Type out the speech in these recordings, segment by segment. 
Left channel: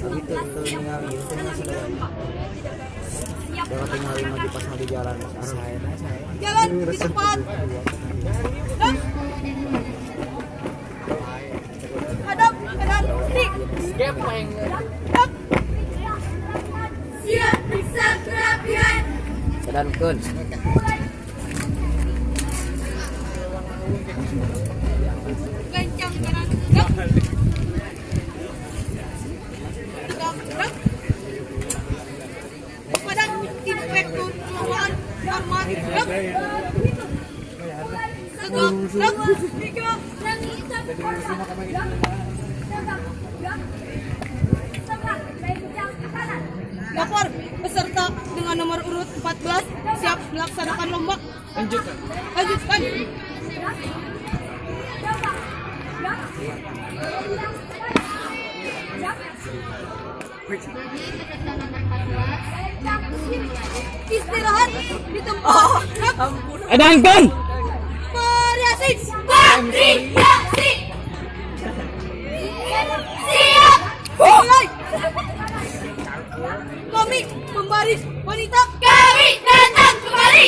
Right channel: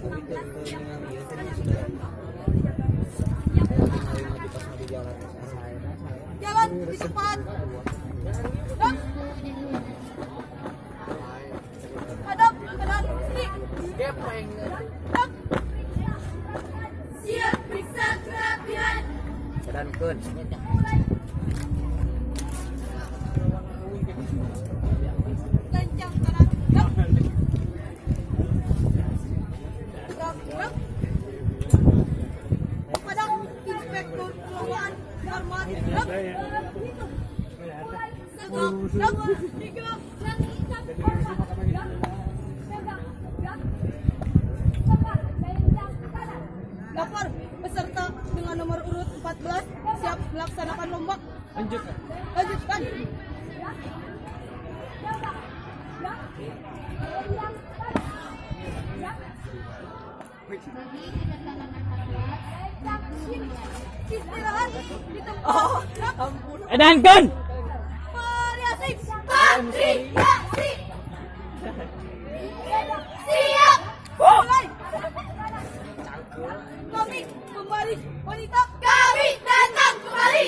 Gitu tinggal tinggal maju pas mau di jalan Jalan di depan. Dan hadap kanan kiri. Siap periksa kerapian. dan kun Gancang kanan. Gap. Gap. Gap. Padang inspektur pengelolaan hormat. Gap. Tegak. Gap. Tiga. Lapor peserta dengan nomor urut 14 siap melaksanakan lomba. Lanjutkan. Istirahat di tempat. edankan Variasi. Siap. Mulai. Kami pembaris wanita. Kami datang kembali.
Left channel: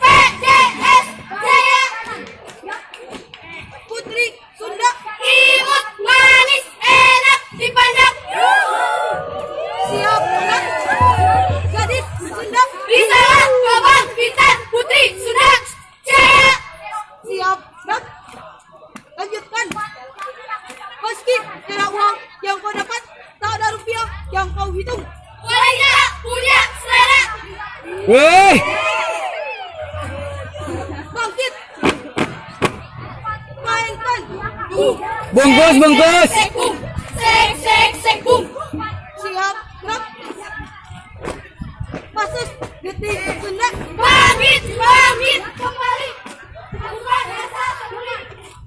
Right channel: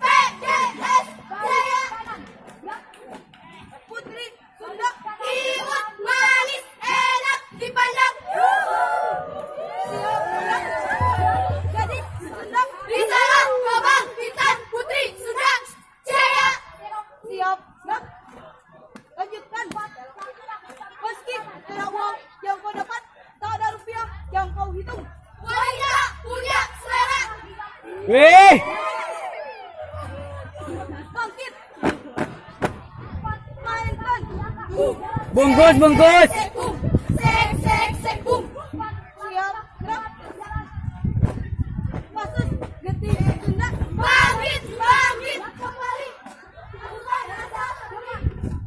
PJS Jaya. Putri Sunda. Imut manis enak dipandang. Siap pulang. Gadis Sunda. Risalah Kabang Bintan Putri Sunda Jaya. Siap pulang. Lanjutkan. Meski kira uang yang kau dapat tak ada rupiah yang kau hitung. Wanita punya selera. weh Bangkit. Mainkan. bungkus Sekung. Sekung. Siap gerak. Masuk detik Sunda. Bangkit. Kembali. Bukan rasa peduli.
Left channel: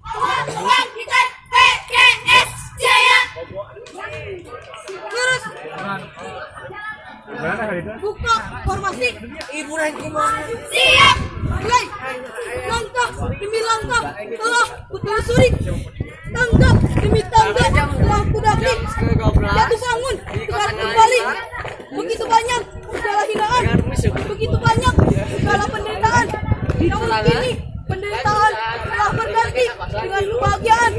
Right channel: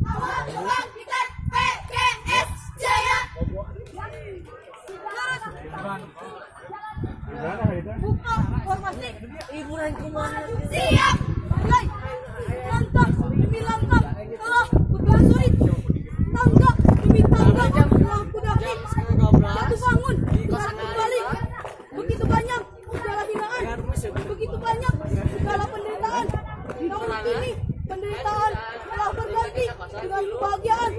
Awal kebangkitan PKS Jaya. Lurus. Buka formasi. Siap. Mulai. Langkah demi langkah telah kutelusuri. Tangga demi tangga telah kudaki. Jatuh bangun dengan kembali. Begitu banyak segala hinaan. Begitu banyak segala penderitaan. Namun kini penderitaan telah berganti dengan kebahagiaan.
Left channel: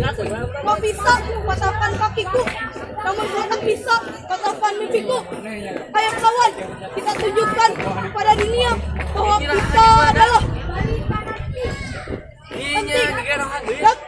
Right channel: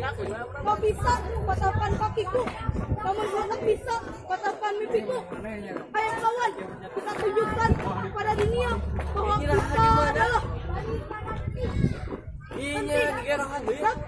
Kau bisa patahkan kakiku, namun kau tak bisa patahkan mimpiku. Ayo kawan, kita tunjukkan pada dunia bahwa kita adalah penting.